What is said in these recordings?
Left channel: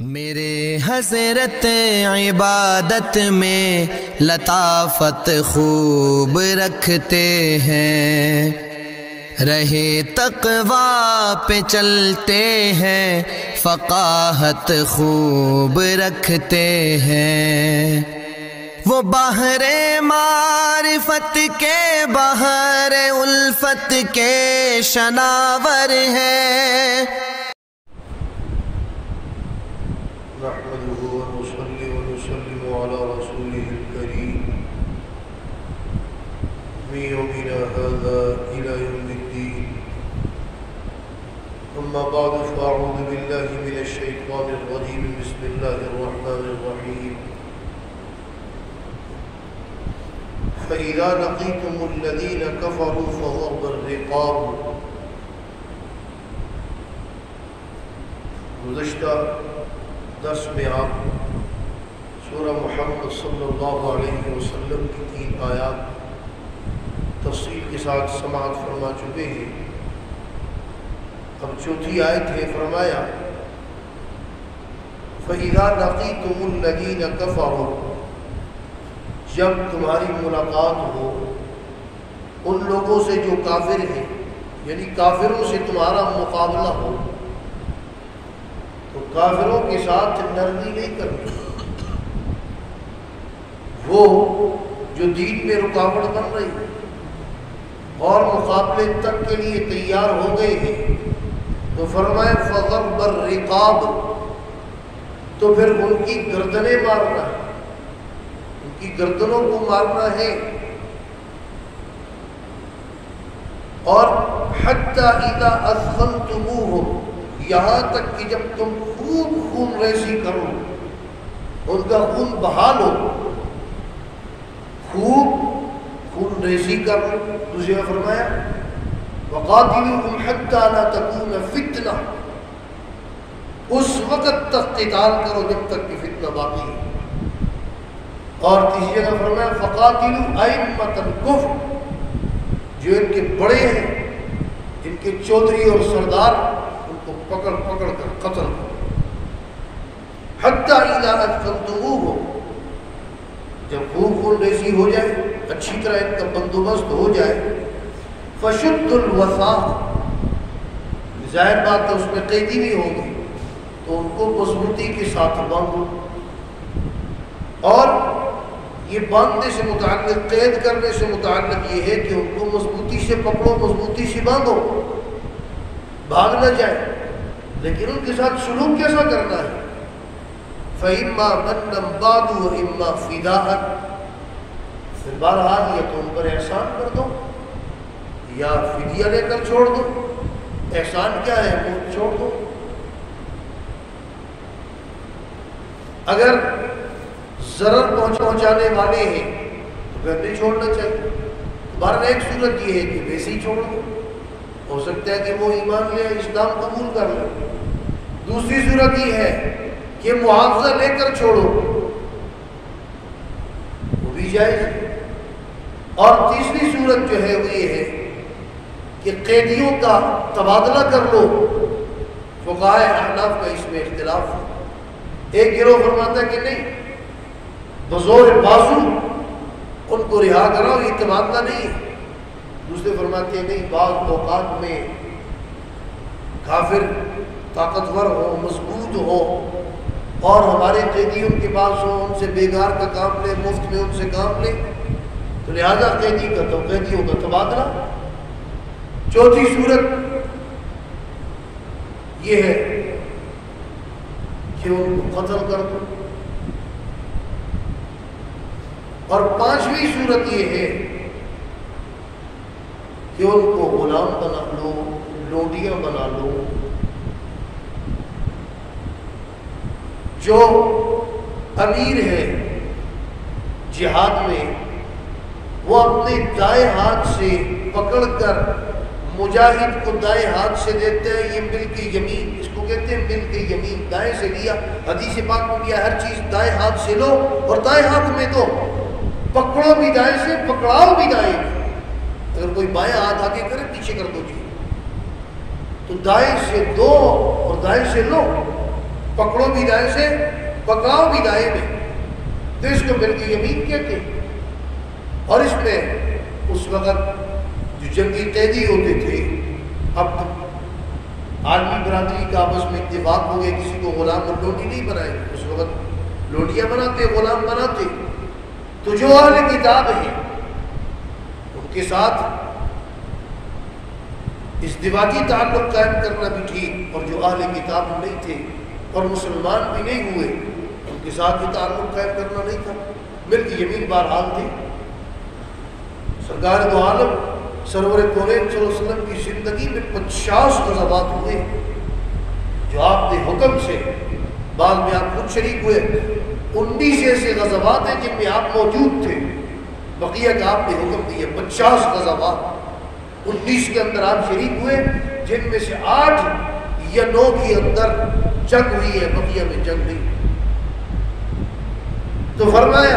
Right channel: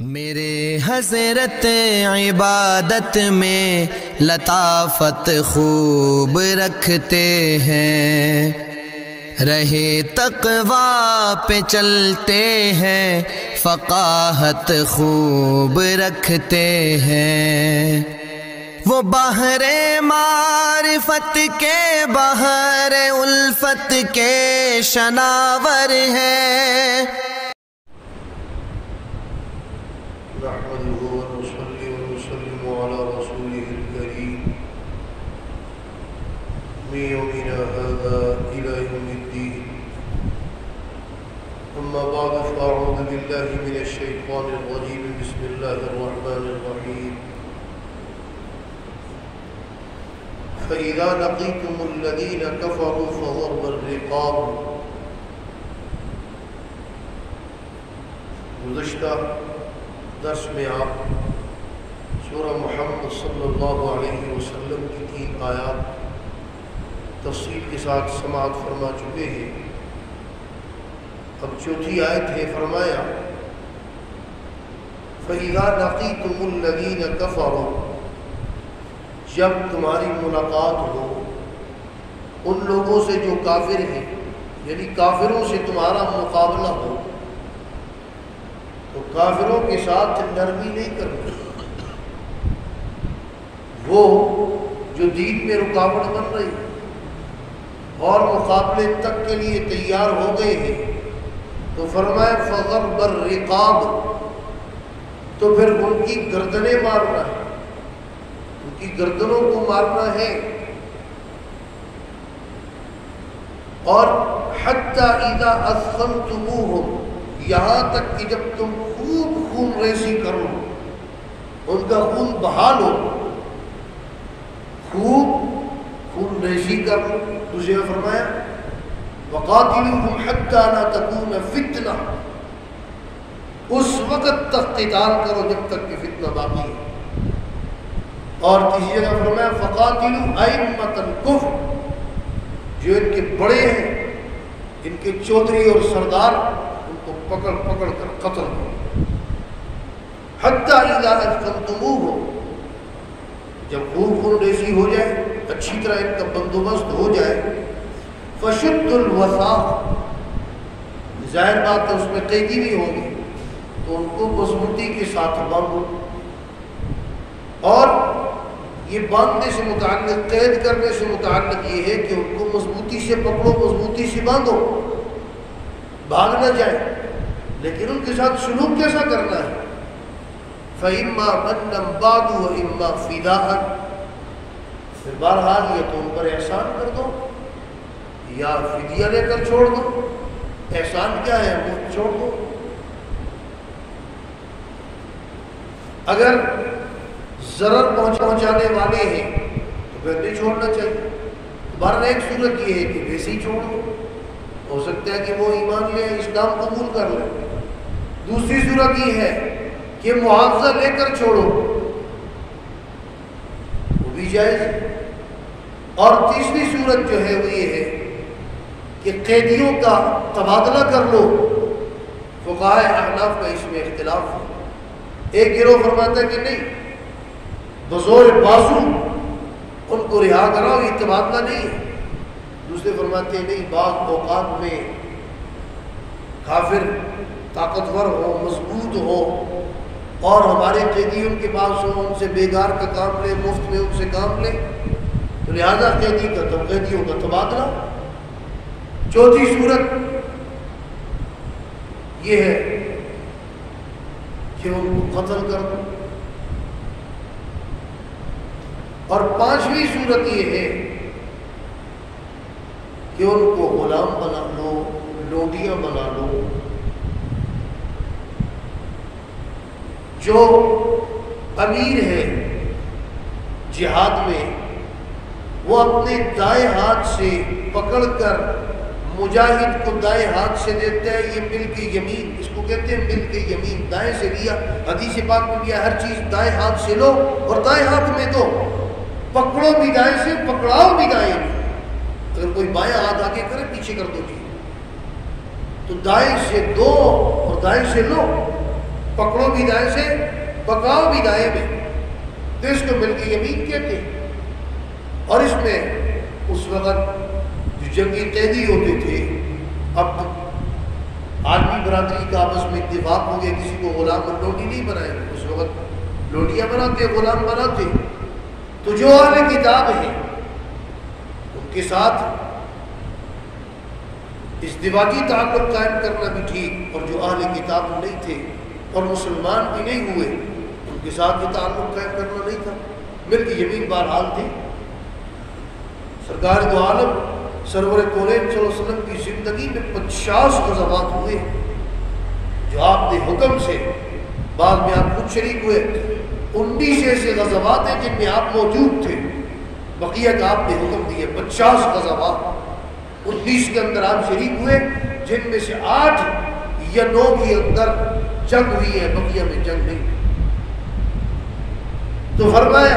میرے حضرت عبادت میں لطافت خوب رکھتے ہیں، رہے تقویٰ پہ چلتے ہیں، فقاہت خوب رکھتے ہیں۔ وہ بحر معرفت کے بحر الفت کے شناور ہیں۔ نحمده ونصلي ونسلم على رسوله الكريم من يومنا هذا إلى يوم الدين، أما بعد فأعوذ بالله من الشيطان الرجيم، بسم الله الرحمن الرحيم. فإذا لقيتم الذين كفروا فضرب الرقاب. گزشتہ درس میں آپ سورہ محمد صلی اللہ علیہ وسلم کی 3 آیات تفصیل کے ساتھ سماعت فرما چکے ہیں۔ اب 4تھی آیت ہے، فرمایا فَإِذَا لَقِيتُمُ الَّذِينَ كَفَرُوا، جب تمہاری ملاقات ہو ان لوگوں سے جو کافر ہیں، یعنی کافروں سے تمہارا مقابلہ ہو، تو کافروں کے ساتھ نرمی نہیں کرنی، وہ جو دین میں رکاوٹ بن رہی اور مقابلے تک کے لیے تیار ہو گئے ہیں، تو فرمائے فضرب الرقاب، تو پھر ان کی گردنیں مارنا ہے، ان کی گردنوں کو مارنا ہے، اور حتی اذا اثخنتموہم، یہاں تک کہ جب تم خوب خون ریزی کرو، ان کا خون بہا لو، خوب خون ریزی کرو۔ دوسرے نے فرمایا وَقَاتِلُوهُمْ حَتَّى لَا تَكُونَ فِتْنَةٌ، اس وقت تک قتال کرو جب تک کہ فتنہ باقی ہے۔ اور تیسری جگہ فرمایا فَقَاتِلُوا أَئِمَّةَ الْكُفْرِ، جو ان کے بڑے ہیں، ان کے چودھری اور سردار، کو پکڑ کر قتل کرو۔ حتی اذا اثخنتموہ، جب خوب خون ریزی ہو جائے، اچھی طرح ان کا بندوبست ہو جائے، فشدوا الوثاق، ظاہر بات ہے اس میں قیدی بھی ہوگی، تو ان کو مضبوطی کے ساتھ باندھو۔ اور یہ باندھنے سے متعلق، قید کرنے سے متعلق یہ ہے کہ ان کو مضبوطی سے پکڑو، مضبوطی سے باندھو، بھاگ نہ جائے۔ لیکن ان کے ساتھ سلوک کیسا کرنا ہے؟ فَإِمَّا مَنًّا بَعْدُ وَإِمَّا فِدَاءً، پھر بہرحال یا تو ان پر احسان کر دو یا فدیہ لے کر چھوڑ دو۔ احسان کیا ہے؟ مفت چھوڑ دو۔ اگر ضرر پہنچانے والے ہیں تو پھر نہیں چھوڑنا چاہیے۔ بہرحال ایک صورت یہ ہے کہ ویسے ہی چھوڑ دو، ہو سکتا ہے کہ وہ ایمان لے، اسلام قبول کر لے۔ دوسری صورت یہ ہے کہ معاوضہ لے کر چھوڑو، وہ بھی جائز۔ اور تیسری صورت جو ہے وہ یہ ہے کہ قیدیوں کا تبادلہ کر لو۔ فقہائے احناف کا اس میں اختلاف ہے۔ ایک گروہ فرماتا ہے کہ نہیں، بزور بازو ان کو رہا کراؤ، یہ تبادلہ نہیں ہے۔ دوسرے فرماتے ہیں نہیں، بعض اوقات میں کافر طاقتور ہو، مضبوط ہو، اور ہمارے قیدی ان کے پاس ہو، ان سے بیگار کا کام لے، مفت میں ان سے کام لے، تو لہذا قیدیوں کا تبادلہ۔ چوتھی صورت یہ ہے کہ وہ قتل کر دو، اور پانچویں صورت یہ ہے کہ ان کو غلام بنا لو، لوڈیاں بنا لو۔ جو امیر ہے جہاد میں، وہ اپنے دائیں ہاتھ سے پکڑ کر مجاہد کو دائیں ہاتھ سے دیتے ہیں، یہ ملک یمین، اس کو کہتے ہیں ملک یمین، دائیں سے لیا۔ حدیث پاک میں کیا، ہر چیز دائیں ہاتھ سے لو اور دائیں ہاتھ میں دو، پکڑو بھی دائیں سے، پکڑاؤ بھی دائیں سے۔ اگر کوئی بائیں ہاتھ آگے کرے، پیچھے کر دو جی، تو دائیں سے دو اور دائیں سے لو۔ پکڑو بھی دائیں سے پکاؤ بھی دائیں میں، تو اس کو ملک یمین کہتے ہیں۔ اور اس میں اس وقت جو جنگی قیدی ہوتے تھے، اب تو عالمی برادری کا آپس میں اتفاق ہو گیا کسی کو غلام اور لوٹی نہیں بنائے، اس وقت لوٹیاں بناتے غلام بناتے، تو جو اہل کتاب ہیں ان کے ساتھ ازدواجی تعلق قائم کرنا بھی ٹھیک، اور جو اہل کتاب نہیں تھے اور مسلمان بھی نہیں ہوئے ان کے ساتھ یہ تعلق قائم کرنا نہیں تھا۔ ملک یمین بہرحال تھی۔ سرکار دو عالم سرور کونین صلی اللہ علیہ وسلم کی زندگی میں 50 غزوات ہوئے، جو آپ نے حکم سے، بعد میں آپ خود شریک ہوئے، 19 ایسے غزوات ہیں جن میں آپ موجود تھے، بقیہ کا آپ نے حکم دیا 50 غزوات، 19 کے اندر آپ شریک ہوئے جن میں سے 8 یا 9 کے اندر جنگ ہوئی ہے، بقیہ میں جنگ نہیں۔ تو فرمایا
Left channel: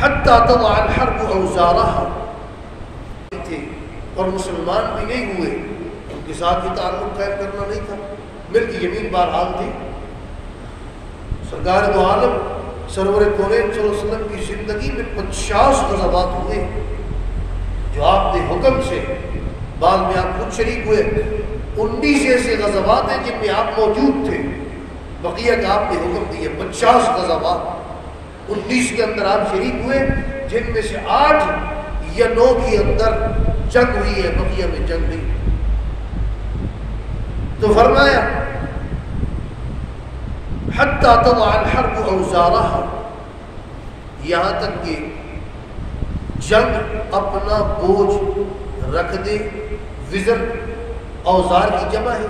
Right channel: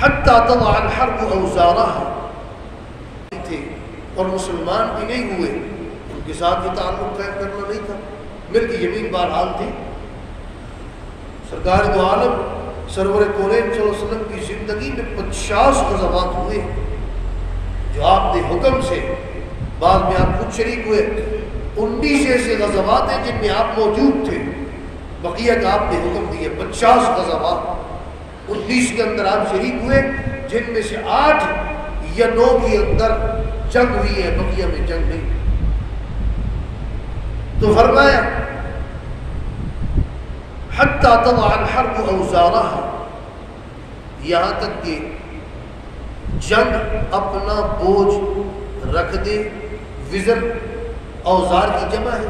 حتی تضع الحرب اوزارها تھے اور مسلمان بھی نہیں ہوئے ان کے ساتھ یہ تعلق قائم کرنا نہیں تھا۔ ملک یمین بہرحال تھی۔ سرکار دو عالم سرور کونین صلی اللہ علیہ وسلم کی زندگی میں 50 غزوات ہوئے، جو آپ نے حکم سے، بعد میں آپ خود شریک ہوئے، 19 ایسے غزوات ہیں جن میں آپ موجود تھے، بقیہ کا آپ نے حکم دیا 50 غزوات، 19 کے اندر آپ شریک ہوئے جن میں سے 8 یا 9 کے اندر جنگ ہوئی ہے، بقیہ میں جنگ نہیں۔ تو فرمایا حتی تضع الحرب اوزارها، یہاں تک کہ جنگ اپنا بوجھ رکھ دے۔ وزر اوزار کی جمع ہے،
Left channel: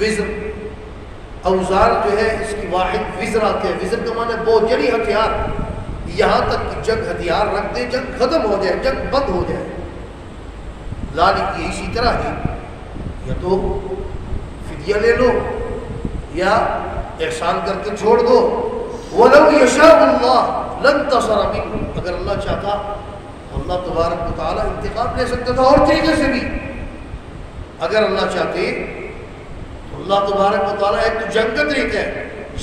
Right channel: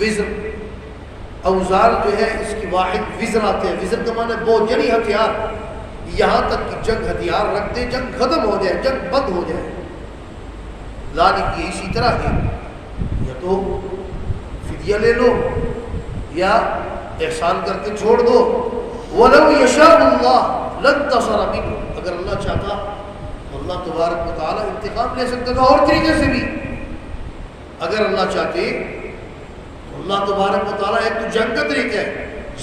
وزر اوزار جو ہے اس کی واحد وزر آتے ہیں، وزر کا معنی بوجھ یعنی ہتھیار، یہاں تک کہ جنگ ہتھیار رکھ دے، جنگ ختم ہو جائے، جنگ بند ہو جائے۔ ذالک یہ اسی طرح ہے، یا تو فدیہ لے لو یا احسان کر کے چھوڑ دو۔ وَلَوْ يَشَاءُ اللَّهُ لَانتَصَرَ مِنْهُمْ، اگر اللہ چاہتا اللہ تبارک و تعالیٰ انتقام لے سکتا تھا اور طریقے سے بھی، اگر اللہ چاہتے تو اللہ تبارک و تعالیٰ ایک تو جنگ کا طریقہ ہے،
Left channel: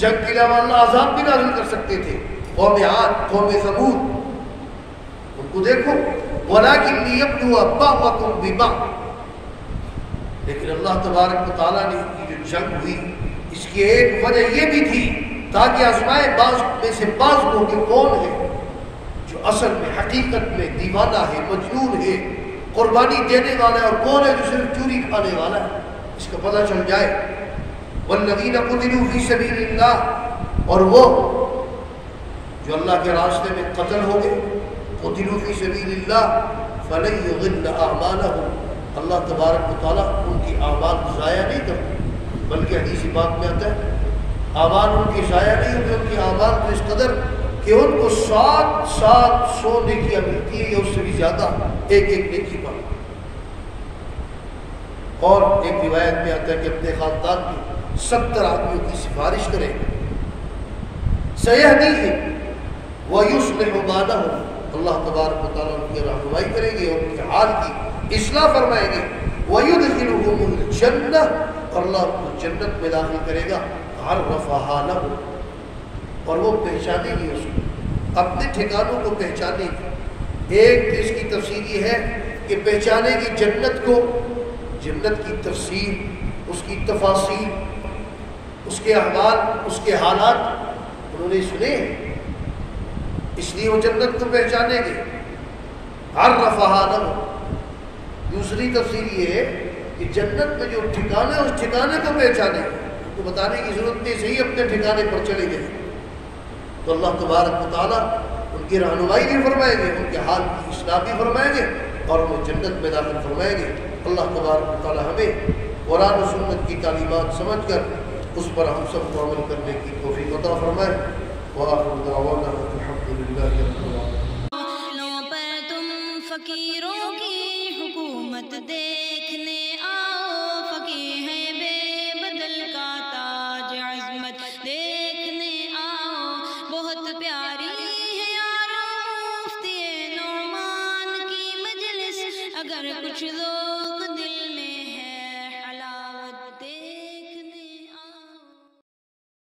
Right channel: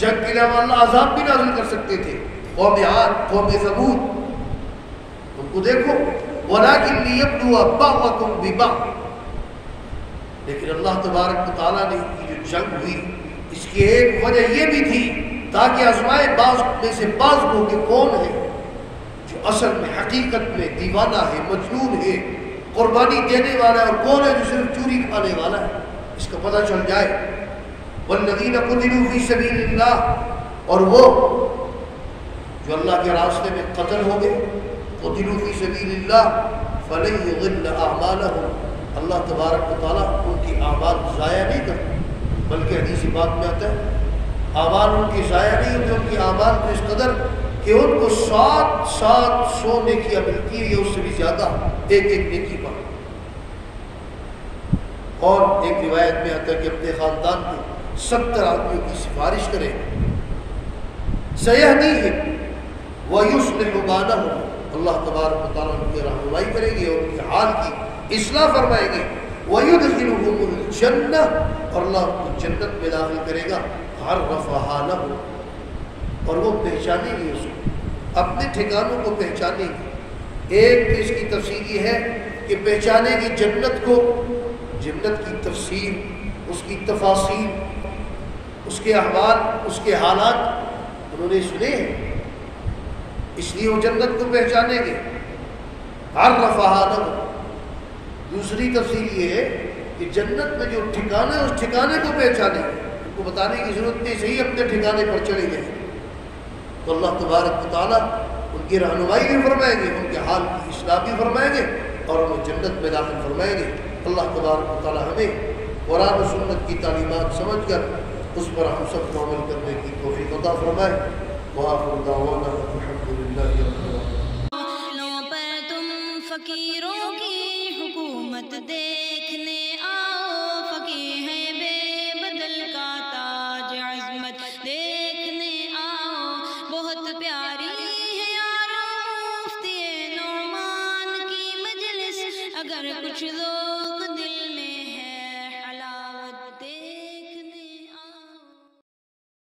جنگ کے علاوہ اللہ عذاب بھی نازل کر سکتے تھے۔ قوم عاد، قوم ثمود، ان کو دیکھو وَلَٰكِنْ لِيَبْلُوَ بَعْضَكُمْ بِبَعْضٍ، لیکن اللہ تبارک و تعالیٰ نے جو جنگ ہوئی اس کی ایک وجہ یہ بھی تھی تاکہ آزمائے بعض میں سے بعض لوگ کون ہے جو اصل میں حقیقت میں دیوانہ ہے، مجنون ہے، قربانی دینے والا ہے، اور کون ہے جو صرف چوری کھانے والا ہے، اس کا پتہ چل جائے۔ والذین قتلوا فی سبیل اللہ، اور وہ جو اللہ کے راستے میں قتل ہو گئے، قتلوا فی سبیل اللہ فلن یضل اعمالهم، اللہ تبارک و تعالیٰ ان کی اعمال ضائع نہیں کرتے، بلکہ حدیث بات میں آتا ہے اعمال ان کی ضائع نہیں ہوتے، ان کی اعمال تو اس قدر کہ ان کو 700 نیکیاں ملتی ہیں یا اس سے بھی زیادہ ایک ایک نیکی پر۔ اور ایک روایت میں آتا ہے کہ اپنے خاندان کے 70 آدمیوں کی سفارش کریں، سَيَهْدِيهِمْ وَيُصْلِحُ بَالَهُمْ، اللہ تبارک و تعالیٰ ان کی رہنمائی کریں گے اور ان کے حال کی اصلاح فرمائیں گے۔ وَيُدْخِلُهُمُ الْجَنَّةَ، اور اللہ کو جنت میں داخل کرے گا، عَرَّفَهَا لَهُ، اور وہ پہچانیں گے اس کو، اپنے ٹھکانوں کو پہچانیں گے۔ ایک اس کی تفسیر یہ ہے کہ پہچانے گی جنت کو، جنت کی تفسیر، اس کی تفاصیل، اس کے احوال، اس کے حالات انہوں نے سنے ہیں، اس لیے وہ جنت کو پہچانیں گے۔ عَرَّفَهَا لَهُ، دوسری تفسیر یہ ہے کہ جنت میں جو ٹھکانے اس ٹھکانے کو پہچانے، ان کو بتانے کی ضرورت نہیں، صحیح اپنے ٹھکانے پر چلے گئے تو اللہ تبارک و تعالیٰ ان کی رہنمائی بھی فرمائیں گے، ان کے حال کی اصلاح بھی فرمائیں گے اور وہ جنت میں داخل فرمائیں گے۔ اللہ تبارک و تعالیٰ ہمیں قرآن و سنت کی تعلیمات سمجھ کر اس پر ہم سب کو عمل کرنے کی توفیق عطا فرمائے۔ وآخر دعوانا الحمدللہ رب العالمین۔ فقیروں کی حکومت دیکھنے